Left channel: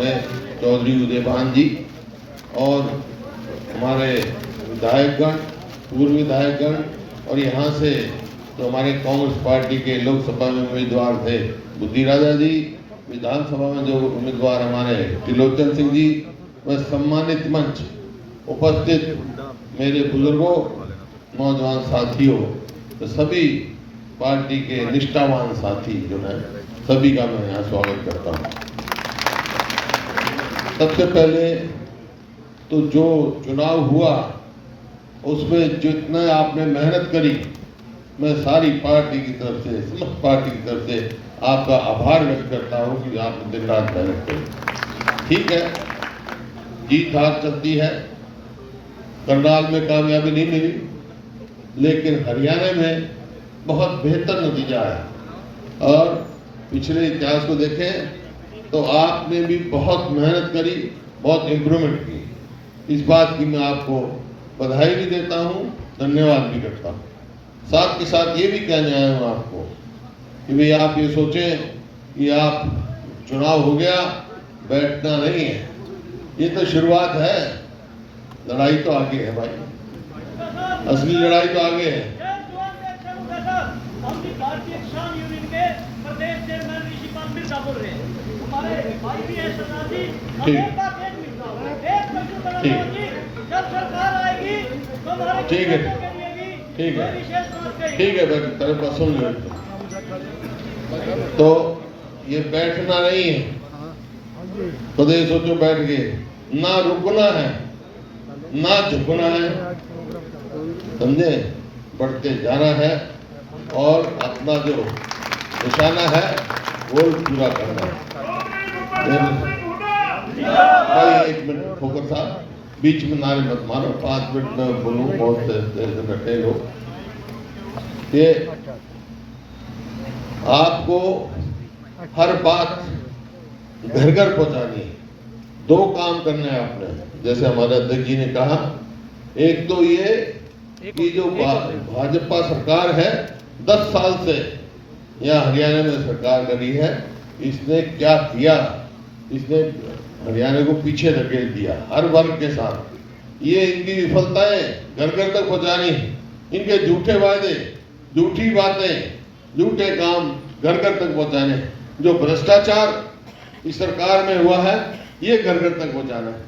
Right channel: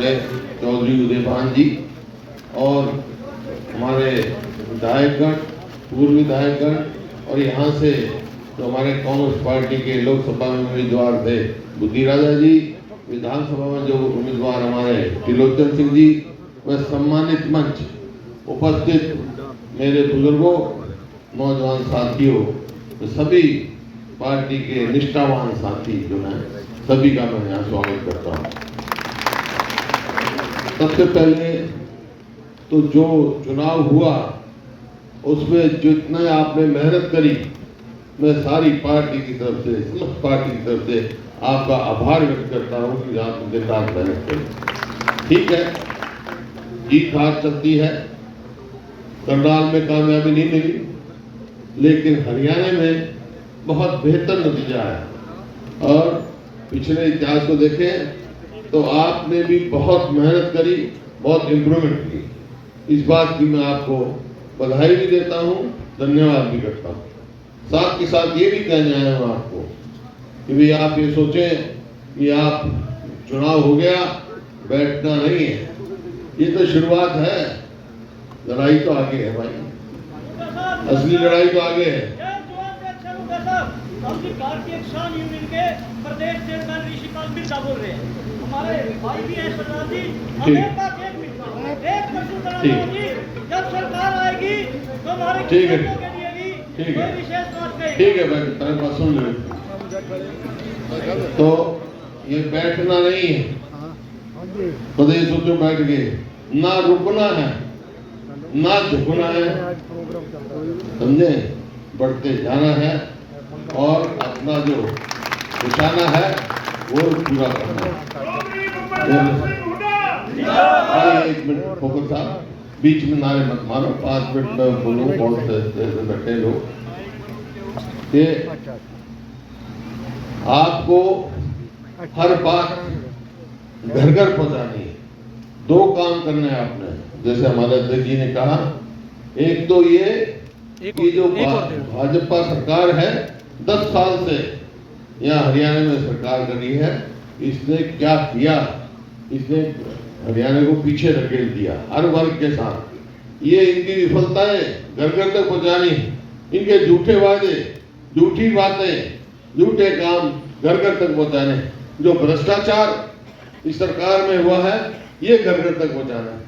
हमारे चौधरी उदयभान जी और हमारे विधायकगण, पूर्व विधायकगण और यहाँ से तो हमारे कांग्रेस पार्टी के लोकसभा में उम्मीदवार थे बुद्धि राजा जी, विधानसभा में जो उम्मीदवार हमारे त्रिलोचन सिंह जी, व सम्मानित मंच उपस्थित मेरे बुजुर्गों, नौजवान साथियों, तो सभी पार्टी के निष्ठावान साथी जो हैं, सभी का मैं यहाँ स्वागत करता हूँ। सबसे पहले तो जो चुनाव हुआ उसमें जितने आपने मेहनत करी, मैं सारी पार्टी की तरफ से, समस्त पार्टी की तरफ से आपका आभार व्यक्त करता हूँ कि आप दिन रात मेहनत करें। ठीक है, जीत हार चलती है, करनाल में कामयाबी नहीं मिली, लेकिन हरियाणा में बहुत बेहतर नतीजा है। और पिछले इतिहास को देखें तो आपने भी बहुत मेहनत करी, बहुत इम्प्रूवमेंट की। इस बात की मैं आपको बधाई भी देता हूँ, धन्यवाद भी करता हूँ। साथ के साथ ये भी कहने आया हूँ आपको कि भाई आप ये सोचें कि आप चुनाव हो गया, बैठना नहीं है, ये तो शुरुआत है, लड़ाई तो आगे है भाई, असली लड़ाई तो आगे है। भारतीय किसान यूनियन के प्रदेश चेयरमैन ऋषिकांत बिरसा बोल रहे हैं। हमारे भाई भी है शरणार्थी, जब सरकार आएगी तो हमारे ठीक है, ठीक है, ठीक है भाई, तेरे पास सुन लो। तो ये बैठना नहीं है, कदे सोचो बैठ गए, ना रुकना है ना झुकना है, समझे, बढ़ते जाना है और अपना जो निशाना है वो पूरा करना है। एक मिनट फोकस साहब, बीच में नारे मत मारो, 5 मिनट में बोलो, बहुत रटे लोग। ये आपको हर बात घर घर पहुंचानी है। 2 काम करने हैं आपने, जैसे हमारे अध्यक्ष जी ने कहा, एक तो ये कि जो भाजपा सरकार है 10 साल से यहाँ हरियाणा में सरकार करी है, इसने क्या किया, इसने हरियाणा को पीछे धकेल दिया हर वर्ग के साथ। ये इनकी विफलताएं घर घर तक पहुंचानी, इनके झूठे वादे, झूठी बातें, झूठे काम घर घर तक पहुंचाने, जो भ्रष्टाचार इस सरकार में हुआ है ये घर घर तक पहुंचाना है।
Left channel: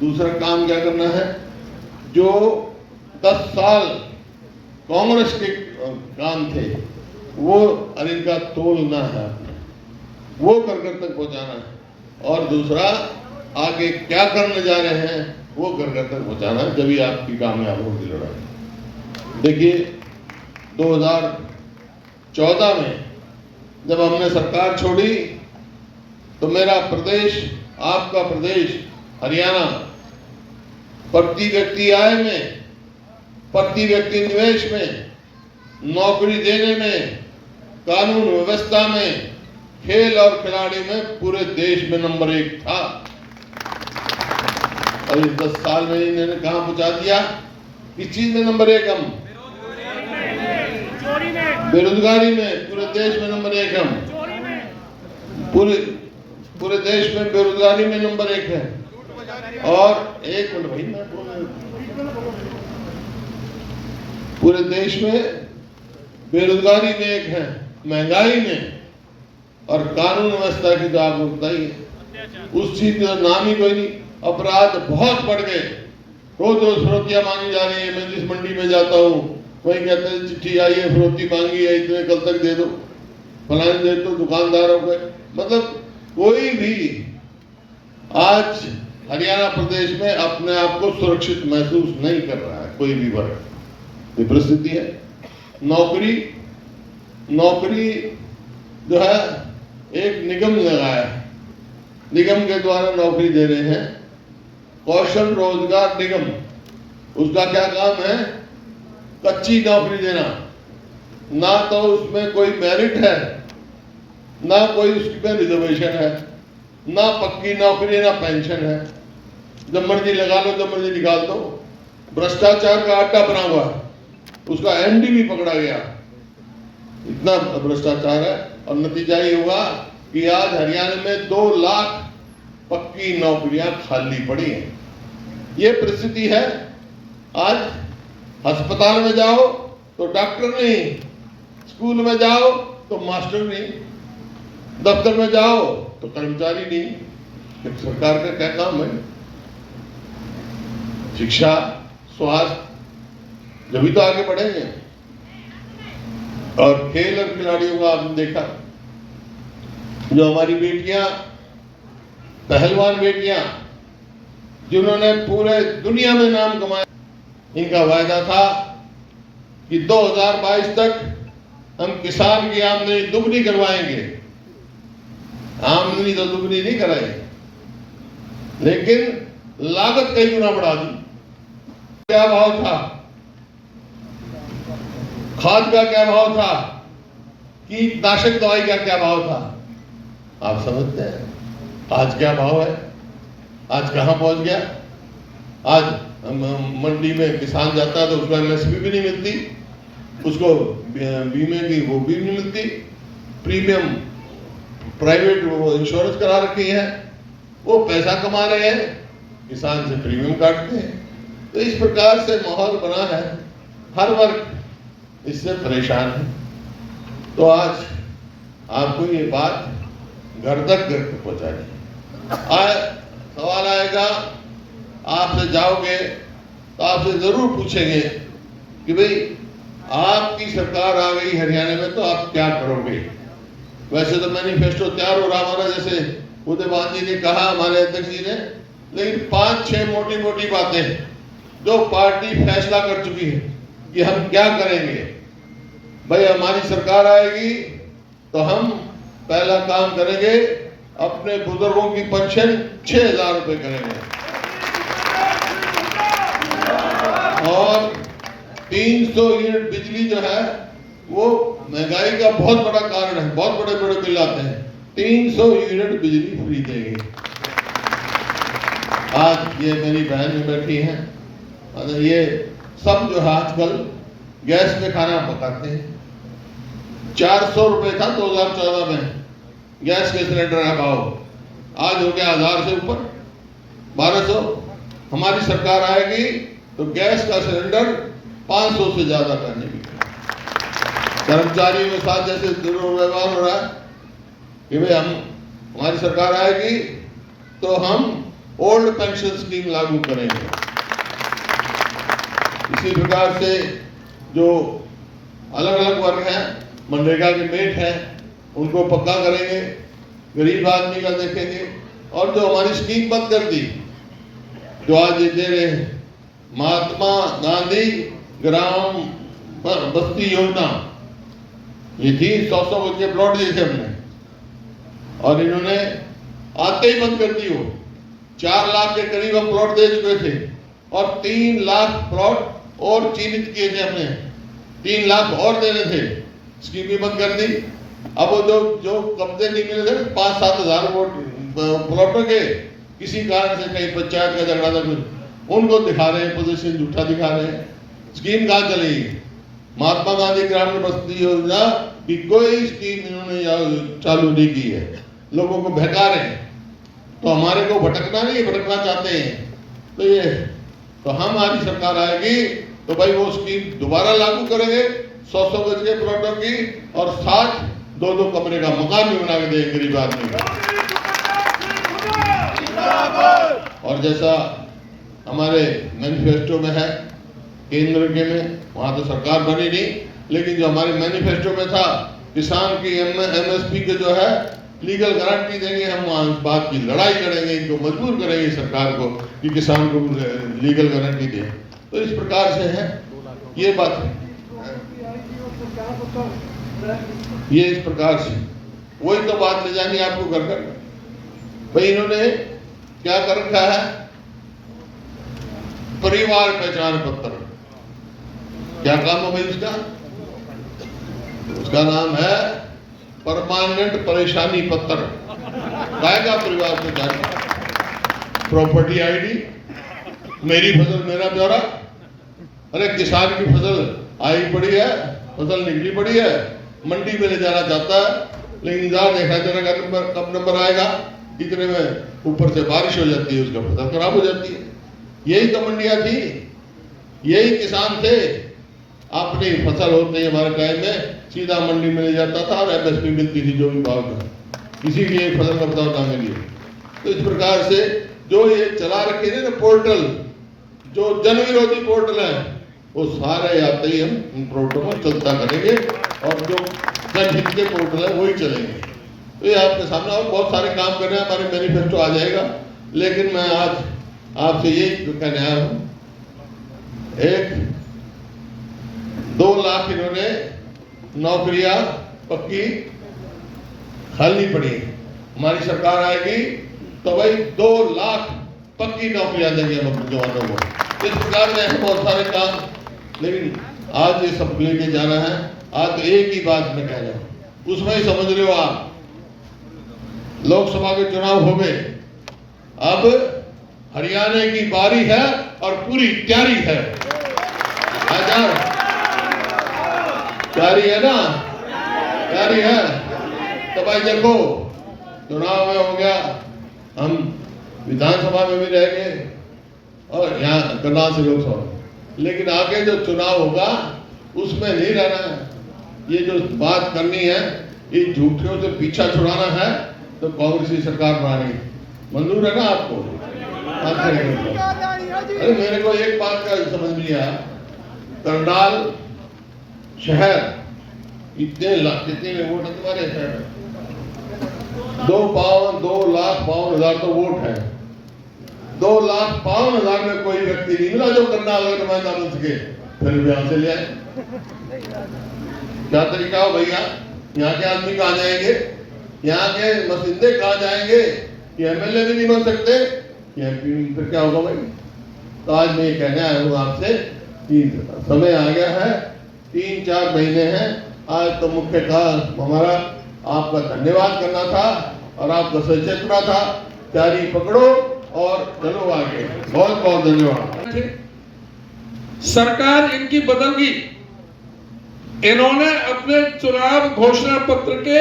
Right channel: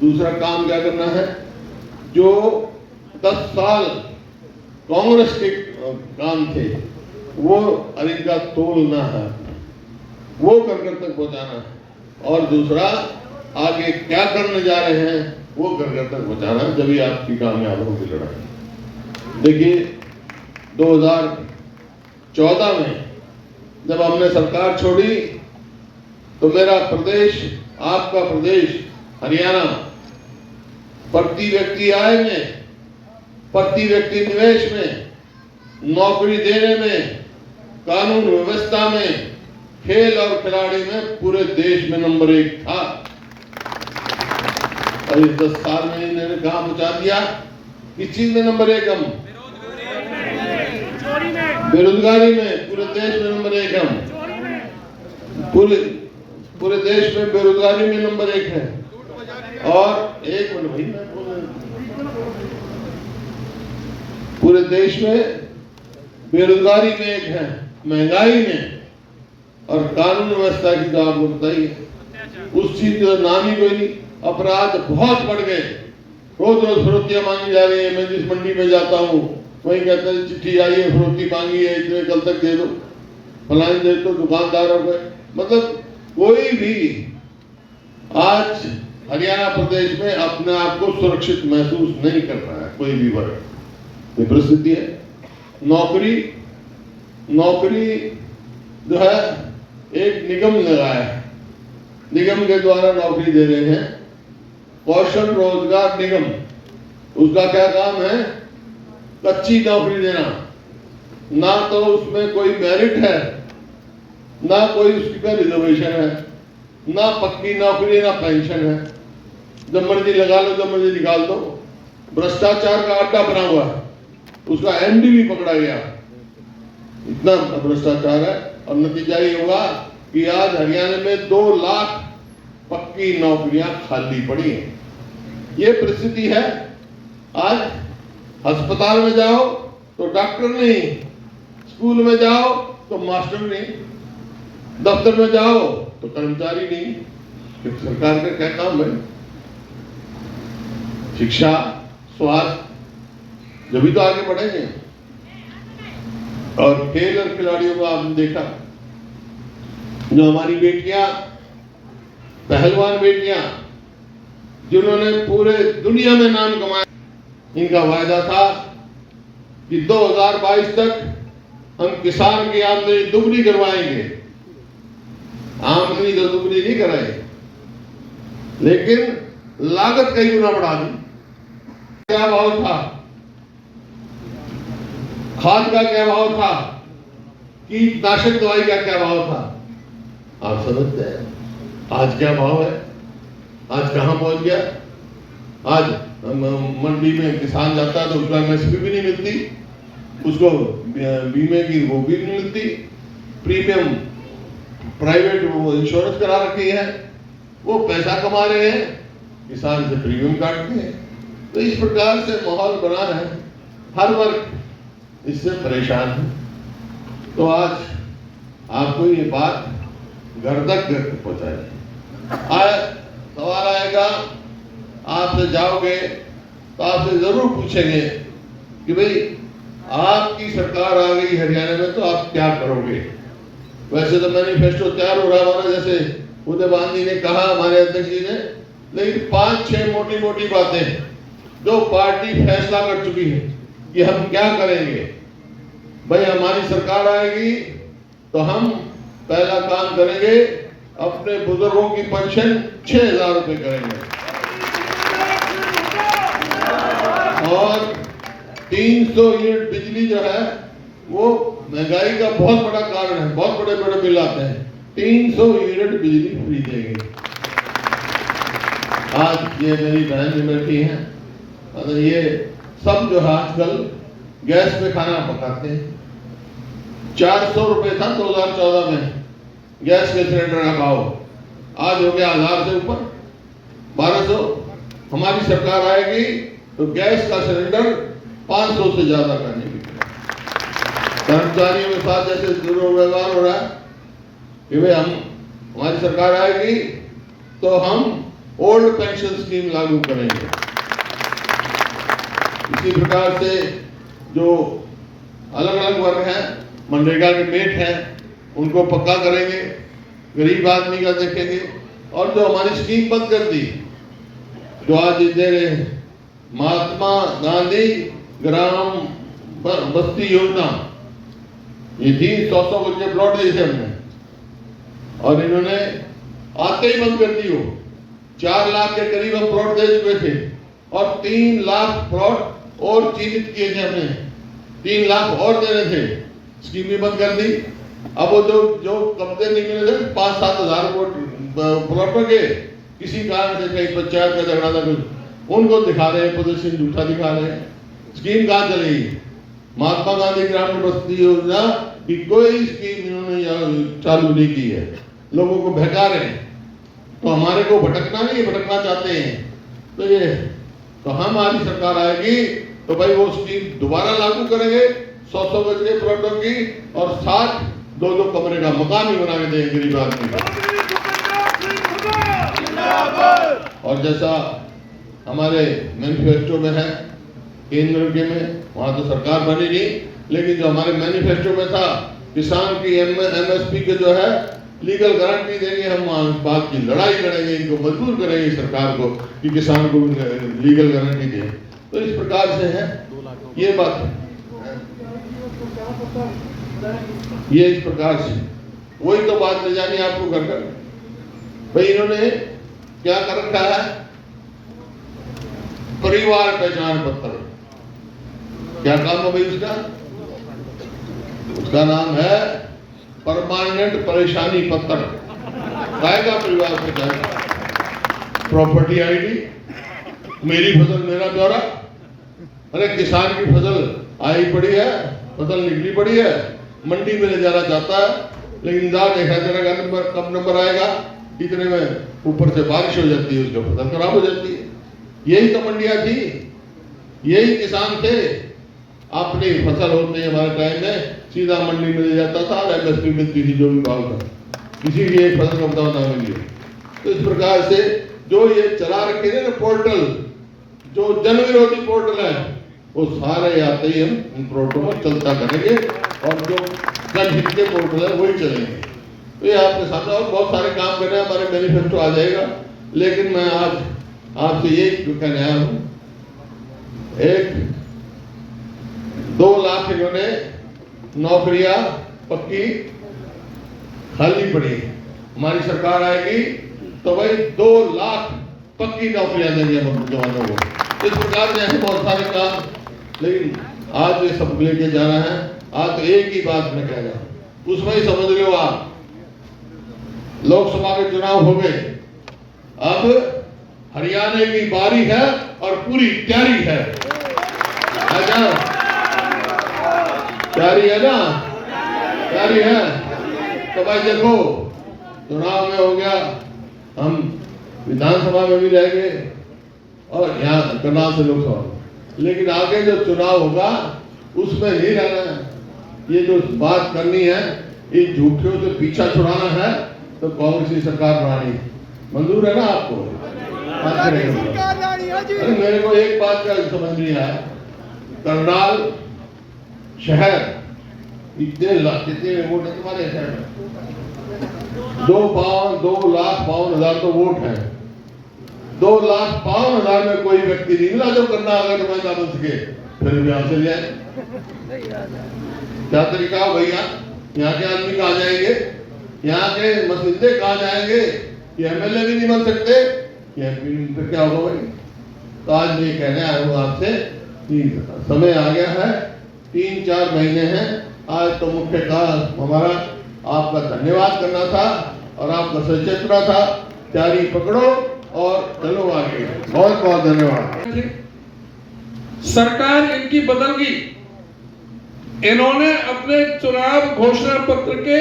दूसरा काम क्या करना है, जो 10 साल कांग्रेस के काम थे वो इनका तोड़ना है, वो घर घर तक पहुंचाना है। और दूसरा आगे क्या करने जा रहे हैं वो घर घर तक पहुंचाना, जब आपकी कामयाब होगी लड़ाई। देखिए 2014 में जब हमने सरकार छोड़ी तो मेरा प्रदेश, आपका प्रदेश हरियाणा, प्रति व्यक्ति आय में, प्रति व्यक्ति निवेश में, नौकरी देने में, कानून व्यवस्था में, खेल और खिलाड़ी में पूरे देश में नंबर 1 था। और इस 10 साल में इन्होंने कहां पहुंचा दिया, किस चीज में नंबर 1 हम, बेरोजगारी में पूरे देश में नंबर 1 हम, पूरे देश में बेरोजगारी में नंबर 1 है। और एक मिनट भाई, पूरे देश में बेरोजगारी में 1 है, महंगाई में, और कानून व्यवस्था की तो आप बताइए, उस चीज का नाम ही कोई नहीं। अपराध बहुत बढ़ गए, रोज रोज फरोतियां मांगी जा रही है। मैं जिस मंडी में जाता हूँ वही कहते हैं चिट्ठी आई है, फरोती मांगी है, इतने कल तक दे दो, फलाने दे दो, दुकानदारों को। मतलब कोई भी आज हरियाणा प्रदेश में अपने आप को सुरक्षित महसूस नहीं कर रहा है, कोई भी वर्ग। ये परिस्थिति है। नौकरी जो है एक निगम लगाया है, निगम के द्वारा नौकरी दे रहे हैं, कौशल रोजगार निगम। उसका क्या काम है, कच्ची नौकरी देना, ना तो उसमें कोई मेरिट है, ना कोई उसका रिजर्वेशन है, ना पक्की नौकरी है, ना पेंशन है। जब मर्जी लगा लो, जब मर्जी निकाल दो। भ्रष्टाचार का अड्डा बना हुआ, उसका एमडी भी पकड़ा गया। इतना भ्रष्टाचार है। और नतीजा ये हुआ कि आज हरियाणा में 2 लाख पक्की नौकरियां खाली पड़ी हैं। ये परिस्थिति है। आज अस्पताल में जाओ तो डॉक्टर नहीं, स्कूल में जाओ तो मास्टर नहीं, दफ्तर में जाओ तो कर्मचारी नहीं। फिर सरकार का क्या काम है? शिक्षा, स्वास्थ्य, जब भी तो आगे बढ़ेंगे। और खेल और खिलाड़ियों को आपने देखा, जो हमारी बेटियां, पहलवान बेटियां, जिन्होंने पूरे दुनिया में नाम कमाया, इनका वायदा था कि 2022 तक हम किसान की आमदनी दुगनी करवाएंगे। आमदनी तो दुगनी नहीं कराई, लेकिन लागत कई गुना बढ़ा दी। क्या भाव था खाद का, क्या भाव था कीटनाशक दवाई का, क्या भाव था? आप समझते हैं आज क्या भाव है? आज कहां पहुंच गया? आज मंडी में किसान जाता है तो उसका एमएसपी भी नहीं मिलती, उसको बीमे की वो भी नहीं मिलती, प्रीमियम प्राइवेट वो इंश्योरेंस करा रखी है, वो पैसा कमा रहे हैं, किसान से प्रीमियम काटते हैं। तो इस प्रकार से माहौल बना है, हर वर्ग इससे परेशान है। तो आज आपको ये बात घर तक पहुंचाए। सवाल आएगा, आपसे जाओगे तो आपसे जरूर पूछेंगे कि भाई आपकी सरकार आ गई हरियाणा में तो आप क्या करोगे? वैसे तो मैनिफेस्टो तैयार हो रहा हमारा, जैसे उदयवान जी ने कहा, हमारे अध्यक्ष जी ने, लेकिन 5-6 मोटी मोटी बातें जो पार्टी फैसला कर चुकी है कि हम क्या करेंगे। भाई हमारी सरकार आएगी तो हम पहला काम करेंगे, अपने बुजुर्गों की पेंशन 6,000 रुपए करेंगे और 300 यूनिट बिजली जो है वो महंगाई का बहुत बड़ा कारण है, बहुत बड़े बड़े बिल आते हैं, 300 यूनिट बिजली फ्री देंगे। आज ये मेरी बहन जो बैठी है, ये सब जो है आजकल गैस पे खाना पकाते हैं। 400 रुपए था 2014 में गैस के सिलेंडर का भाव, आज हो गया 1000 से ऊपर 1200। हमारी सरकार आएगी तो गैस का सिलेंडर 500 से ज्यादा करने की। कर्मचारियों के साथ जैसे दुर्व्यवहार हो रहा है कि भाई हमारी सरकार आएगी तो हम ओल्ड पेंशन स्कीम लागू करेंगे। इसी प्रकार से जो अलग अलग वर्ग हैं, मनरेगा के मेट हैं, उनको पक्का करेंगे, गरीब आदमी का देखेंगे। और जो हमारी स्कीम बंद कर दी, जो आज दे रहे हैं, महात्मा गांधी ग्राम बस्ती योजना, ये थी 100 बच्चे प्लॉट दिए थे हमने, और इन्होंने आते ही बंद कर दी। वो 4 लाख के करीब हम प्लॉट दे चुके थे और 3 लाख प्लॉट और चिन्हित किए थे हमने, 3 लाख और देने थे, स्कीम भी बंद कर दी। अब वो जो कब्जे निकले थे 5-7 हजार प्लॉटों के, किसी कारण से कहीं पंचायत का झगड़ा था, उनको दिखा रहे हैं, प्रदर्शन झूठा दिखा रहे हैं। स्कीम कहाँ चलेगी? महात्मा गांधी ग्रामीण बस्ती योजना की कोई स्कीम इन्होंने चालू नहीं की है, लोगों को बहका रहे हैं। तो हमारे को भटकना नहीं, भटकना चाहते हैं। तो ये तो हमारी सरकार आएगी तो भाई वो स्कीम दोबारा लागू करेंगे, 100 गज के प्लॉटों की, और साथ 2-2 कमरे का मकान भी बना के देंगे गरीब आदमी को। और जैसा हमारे मैनिफेस्टो में है, केंद्र के में, वहां तो सरकार बनी नहीं, लेकिन जो हमारे मैनिफेस्टो में था, किसान की एमएसपी के जो है लीगल गारंटी देंगे। हम बात की लड़ाई लड़ेंगे, इनको मजबूर करेंगे सरकार को कि किसान को लीगल गारंटी दें। तो इस प्रकार से है ये बात, ये इस प्रकार से वही तो बात ले जानी आपको घर कर। भाई इन्होंने क्या कर रखा है? परिवार पहचान पत्र। क्या काम है भाई उसका? उसका नाम है परमानेंट परेशानी पत्र। आएगा परिवार पहचान, प्रॉपर्टी आईडी, मेरी फसल मेरा ब्यौरा। अरे किसान की फसल आई पड़ी है, फसल निकली पड़ी है, मंडी में ले जाना चाहता है, लेकिन इंतजार देखा तेरा कब नंबर आएगा। इतने में ऊपर से बारिश हो जाती है, उसका फसल खराब हो जाती है। यही तो मंडियां थी, यही किसान थे। अपनी फसल होते ही हमारे टाइम में सीधा मंडी में ले जाता था और एमएसपी मिलती थी, जो भी भाव था, किसी भी एक फसल का बताओ ना मिली। तो इस प्रकार से जो ये चला रखे थे ना पोर्टल, जो जन विरोधी पोर्टल है, वो सारे आते ही हम प्रोटोकॉल चलता करेंगे और जो जनहित के पोर्टल है वही चलेंगे। तो ये आपके सामने और बहुत सारे काम कर रहे हैं, हमारे मैनिफेस्टो आ जाएगा। लेकिन मैं आज आपसे ये कहने आया हूँ, 2 लाख इन्होंने नौकरियां पक्की खाली पड़ी। हमारी सरकार आएगी तो भाई 2 लाख पक्की नौकरियां देंगे हम जवानों को। इस प्रकार से ऐसे बहुत सारे काम, लेकिन आज ये सब लेके जाना है। आज तो एक ही बात मैं कह रहा हूं, उसमें ही समझ लो आप, लोकसभा के चुनाव हो गए, अब हरियाणा की बारी है और पूरी तैयारी है। तैयारी है ना, तैयारी है। तो भाई देखो, चुनाव में हो गया, हम विधानसभा में भी रहेंगे और यहाँ करनाल से लोकसभा, लेकिन आगे जो चुनाव होगा उसमें नहीं रहना है। ये जो बात करनी है, ये झूठियों से पीछा छुड़ाना है, तो कांग्रेस की सरकार बनानी है। मंजूर है ना आपको? अरे मेरे को एक बात का समझ नहीं आया, करनाल शहर इतने लाख, कितने वोट है तुम्हारे शहर में? 2,52,000 तो वोट है। 2,52,000 में कोई व्यक्ति नहीं मिला जो करनाल अगर नुमाइंदा बन सके, फिर भी यहाँ से ले आए। क्या तरीका हो भैया? यहाँ के आदमी कहाँ जाएंगे? यहाँ के मसिंदे कहाँ जाएंगे? ये एमएलए भी नहीं बन सकते, ये फिर क्या होगा भाई? तो आज मैं कहने आया हूँ आपसे कि समय आ गया है, 3-4 महीने हैं। आज तो मुख्य था हमारा आपका धन्यवाद करना था और आपका सचेतना था। तैयारी पकड़ो और चलो आगे। बहुत बहुत धन्यवाद। सरकार इनकी बदल गई। इन्होंने अपने चुनाव घोषणा पत्र के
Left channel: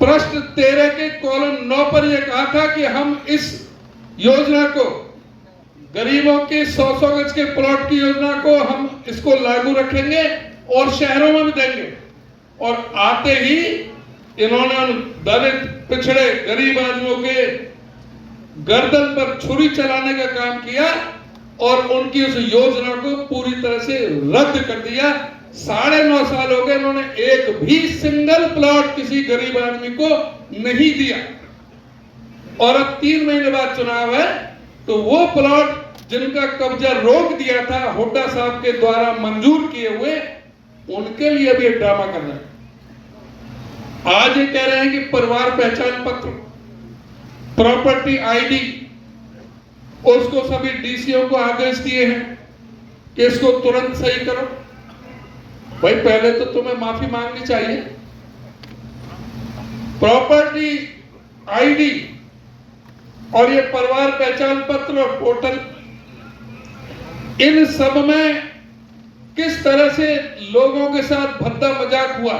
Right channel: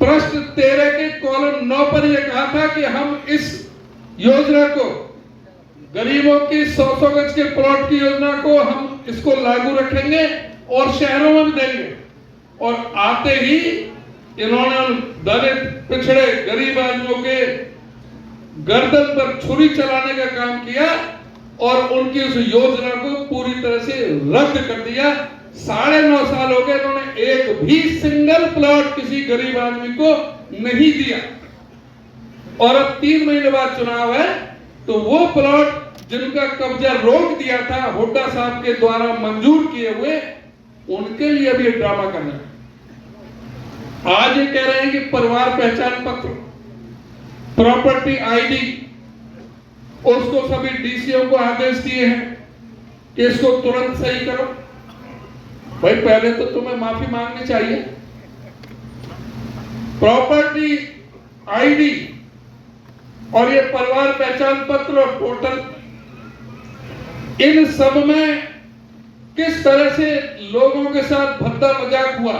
प्रश्न 13 के कॉलम 9 पर यह कहा था कि हम इस योजना को, गरीबों की 100 गज के प्लॉट की योजना को हम इसको लागू रखेंगे और शहरों में भी देंगे। और आते ही इन्होंने दलित, पिछड़े, गरीब आदमियों के गर्दन पर छुरी चलाने का काम किया और उनकी उस योजना को पूरी तरह से रद्द कर दिया। 9.5 साल हो गए, इन्होंने एक भी सिंगल प्लॉट किसी गरीब आदमी को नहीं दिया। और अब 3 महीने बाद चुनाव है, तो वो प्लॉट जिनका कब्जा रोक दिया था हुड्डा साहब के द्वारा मंजूर किए हुए, उनके लिए भी ड्रामा करना है। आज ये कह रहे हैं कि परिवार पहचान पत्र, प्रॉपर्टी आईडी, उसको सभी डीसीओ को आदेश दिए हैं कि इसको तुरंत सही करो। भाई पहले तो तुम्हें माफी मांगनी चाहिए। प्रॉपर्टी आईडी और ये परिवार पहचान पत्र और पोर्टल, इन सब में किस तरह से लोगों के साथ भद्दा मजाक हुआ,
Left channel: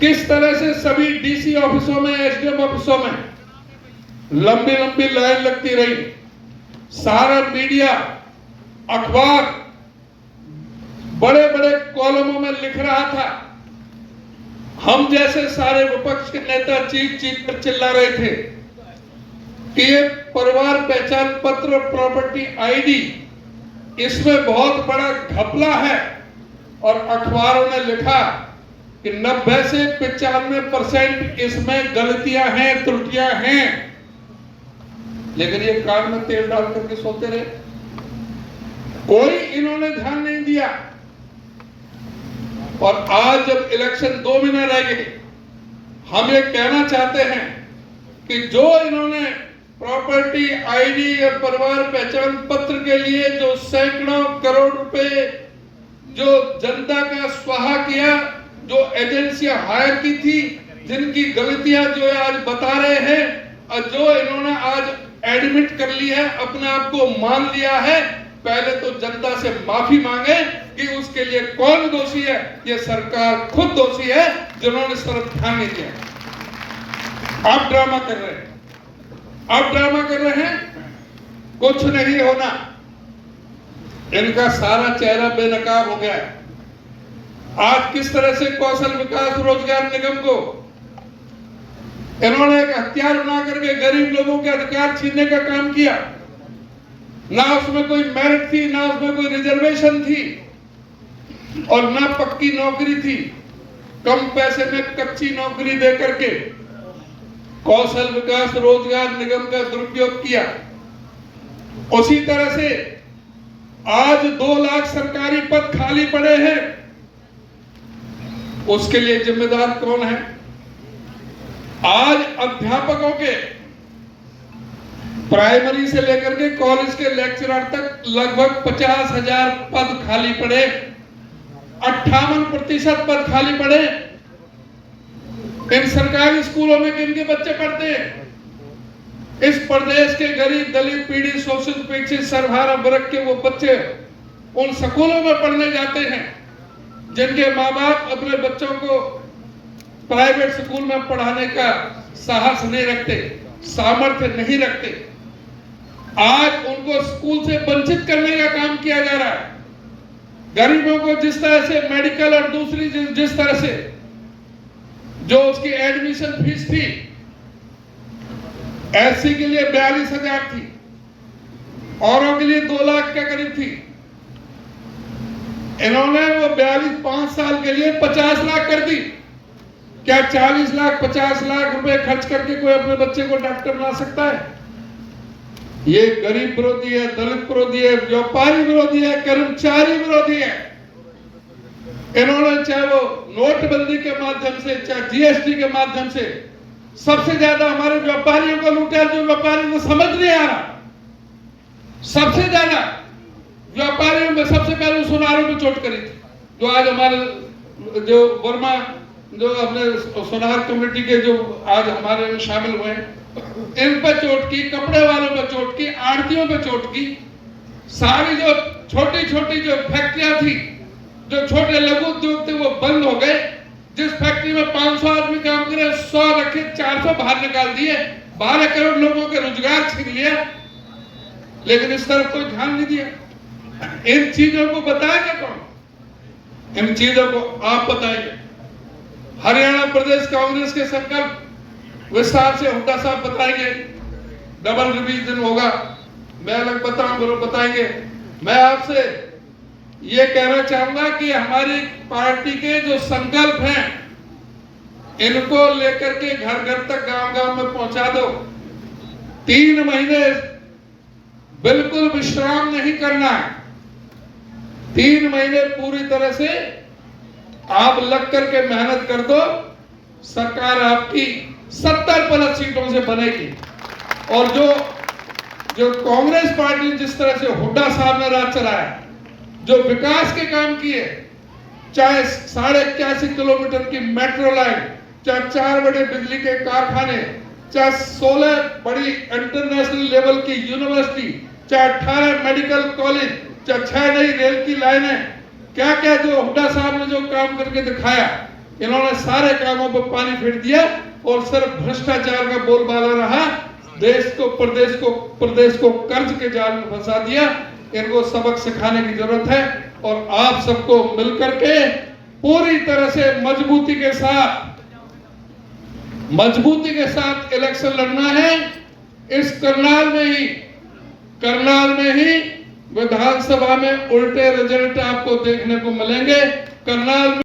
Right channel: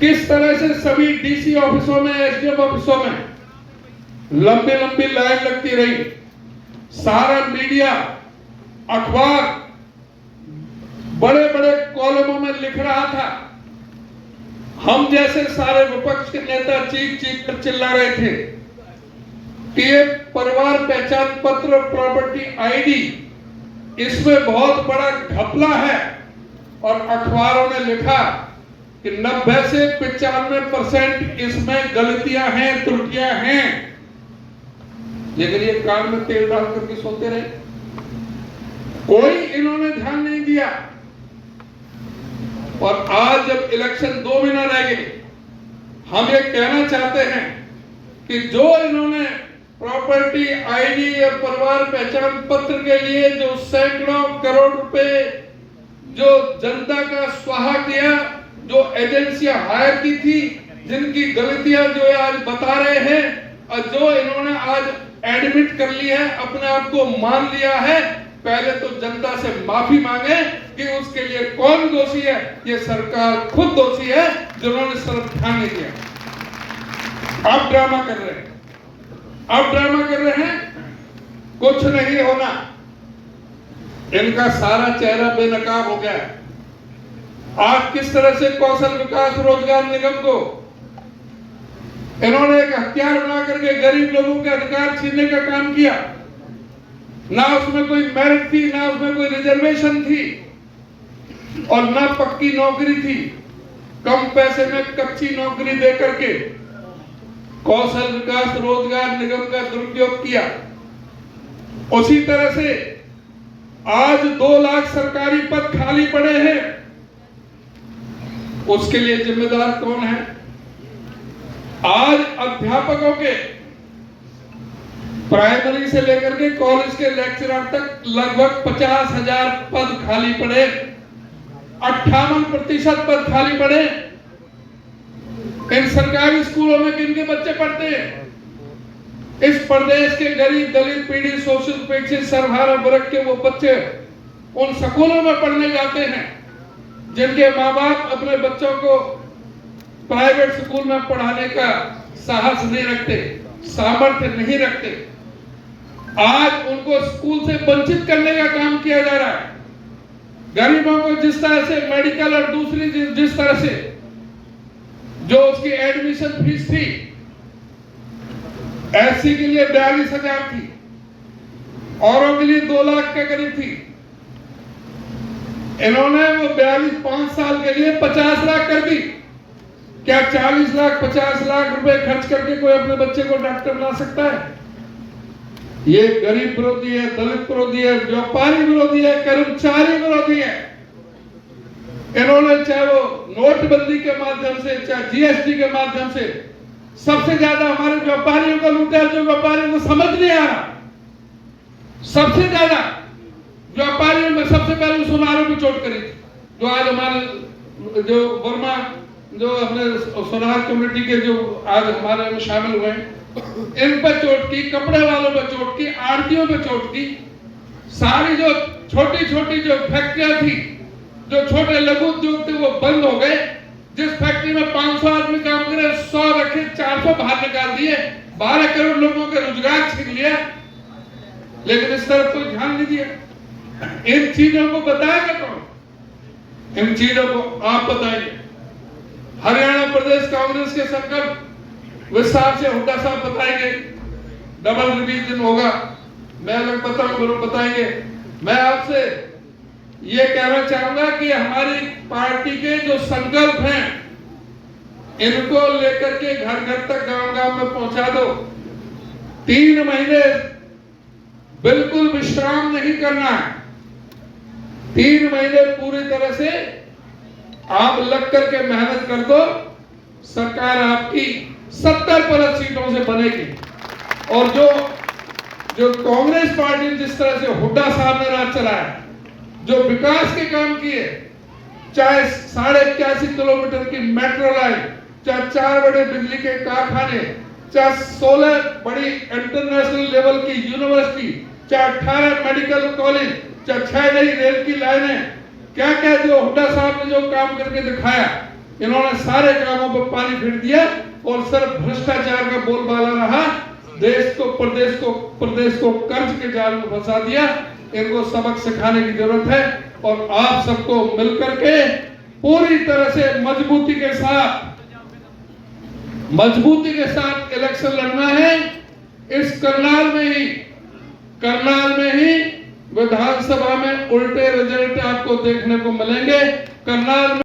किस तरह से सभी डीसी ऑफिसों में, एसडीएम ऑफिसों में लंबी लंबी लाइन लगती रही। सारा मीडिया, अखबार बड़े बड़े कॉलमों में लिख रहा था। हम जैसे सारे विपक्ष के नेता चीख चीख कर चिल्ला रहे थे कि ये परिवार पहचान पत्र और प्रॉपर्टी आईडी, इसमें बहुत बड़ा घपला है। और अखबारों ने लिखा कि 90 से 95% इसमें गलतियां हैं, त्रुटियां हैं। लेकिन ये कान में तेल डाल करके सोते रहे, कोई इन्होंने ध्यान नहीं दिया। और आज जब इलेक्शन 2 महीने रह गए, हम ये कहना चाहते हैं कि जो इन्होंने प्रॉपर्टी आईडी और परिवार पहचान पत्र के लिए जो सैकड़ों करोड़ रुपए जो जनता का स्वाहा किया, जो एजेंसियां हायर की थी, जिनकी गलतियां जो आज बता रहे हैं, और जो इन्होंने आज एडमिट कर लिया है, अपने आप को मान लिया है, पहले तो जनता से माफी मांगे कि उसके लिए कौन दोषी है। ये सरकार खुद दोषी है जिन्होंने इस तरफ ध्यान नहीं दिया। अब ड्रामा कर रहे हैं, अब ड्रामा कर रहे हैं, कुछ नहीं होना। इनका सारा चेहरा बेनकाब हो गया है। आज किस तरह से कौशल विकास रोजगार निगम को इन्होंने एक हथियार बना करके गरीब लोगों के अधिकार छीनने का काम किया। ना उसमें कोई मेरिट थी, ना उसमें कोई रिजर्वेशन थी, और ना पक्की नौकरी थी। कम पैसे में कच्ची नौकरी दे करके कौशल विकास रोजगार निगम का दुरुपयोग किया। उसी तरह से आज 2 लाख सरकारी पद खाली पड़े हैं। उसके लिए जिम्मेदार कौन है? आज अध्यापकों के प्राइमरी से लेकर के कॉलेज के लेक्चरर तक लगभग 50,000 पद खाली पड़े, 58% पद खाली पड़े। इन सरकारी स्कूलों में किनके बच्चे पढ़ते हैं? इस प्रदेश के गरीब, दलित, पीड़ित, शोषित, उपेक्षित, सर्वहारा वर्ग के वो बच्चे उन स्कूलों में पढ़ने जाते हैं जिनके माँ बाप अपने बच्चों को प्राइवेट स्कूल में पढ़ाने का साहस नहीं रखते, सामर्थ्य नहीं रखते। आज उनको स्कूल से वंचित करने का काम किया जा रहा है। गरीबों को जिस तरह से मेडिकल और दूसरी जिस तरह से जो उसकी एडमिशन फीस थी, एससी के लिए 42,000 थी, औरों के लिए 2 लाख के करीब थी। इन्होंने वो 5 साल के लिए 50 लाख कर दी। क्या 40 लाख 50 लाख रुपए खर्च करके कोई अपने बच्चे को डॉक्टर बना सकता है? ये गरीब विरोधी है, दलित विरोधी है, व्यापारी विरोधी है, कर्मचारी विरोधी है। इन्होंने चाहे वो नोटबंदी के माध्यम से, चाहे जीएसटी के माध्यम से सबसे ज्यादा हमारे व्यापारियों को लूटा, जो व्यापारियों को समझ नहीं आ रहा। सबसे ज्यादा व्यापारियों में सबसे पहले सुनारों को चोट करी थी, जो आज हमारे जो वर्मा जो अपने सुनार कमेटी के जो आज हमारे में शामिल हुए, इन पे चोट की, कपड़े वालों पे चोट की, आड़तियों पे चोट की। सारी जो छोटी छोटी जो फैक्ट्रियां थी, जो छोटे लघु उद्योग थे, वो बंद हो गए। जिस फैक्ट्री में 500 आदमी काम करे, 100 रखे, 400 बाहर निकाल दिए, 12 करोड़ लोगों के रोजगार छीन लिया। लेकिन इस तरफ कोई ध्यान नहीं दिया। इन चीजों को बताएगा कौन? इन चीजों को आप बताएंगे। हरियाणा प्रदेश कांग्रेस के संकल्प विस्तार से हुड्डा साहब बताएंगे। डबल रिवीजन होगा, मैं अलग बताएंगे। मैं आपसे ये कहना चाहूंगा कि हमारी पार्टी के जो संकल्प हैं, इनको लेकर के घर घर तक, गांव गांव में पहुंचा दो। 3 महीने बिल्कुल विश्राम नहीं करना है। 3 महीने पूरी तरह से आप लग करके मेहनत कर दो। सरकार आपकी 70+ सीटों से बनेगी। और जो कांग्रेस पार्टी ने जिस तरह से हुड्डा साहब ने राज चलाया, जो विकास के काम किए, चाहे 81.5 किलोमीटर की मेट्रो लाइन, चाहे 4 बड़े बिजली के कारखाने, चाहे 16 बड़ी इंटरनेशनल लेवल की यूनिवर्सिटी, चाहे 18 मेडिकल कॉलेज, चाहे 6 नई रेल की लाइनें, क्या क्या जो हुड्डा साहब ने जो काम करके दिखाया, इन्होंने सारे कामों पर पानी फेर दिया और सिर्फ भ्रष्टाचार का बोलबाला रहा। देश को प्रदेश को कर्ज के जाल में फंसा दिया। इनको सबक सिखाने की जरूरत है और आप सबको मिलकर के पूरी तरह से मजबूती के साथ इलेक्शन लड़ना है। इस करनाल में ही विधानसभा में उल्टे रिजल्ट आपको देखने को मिलेंगे। करनाल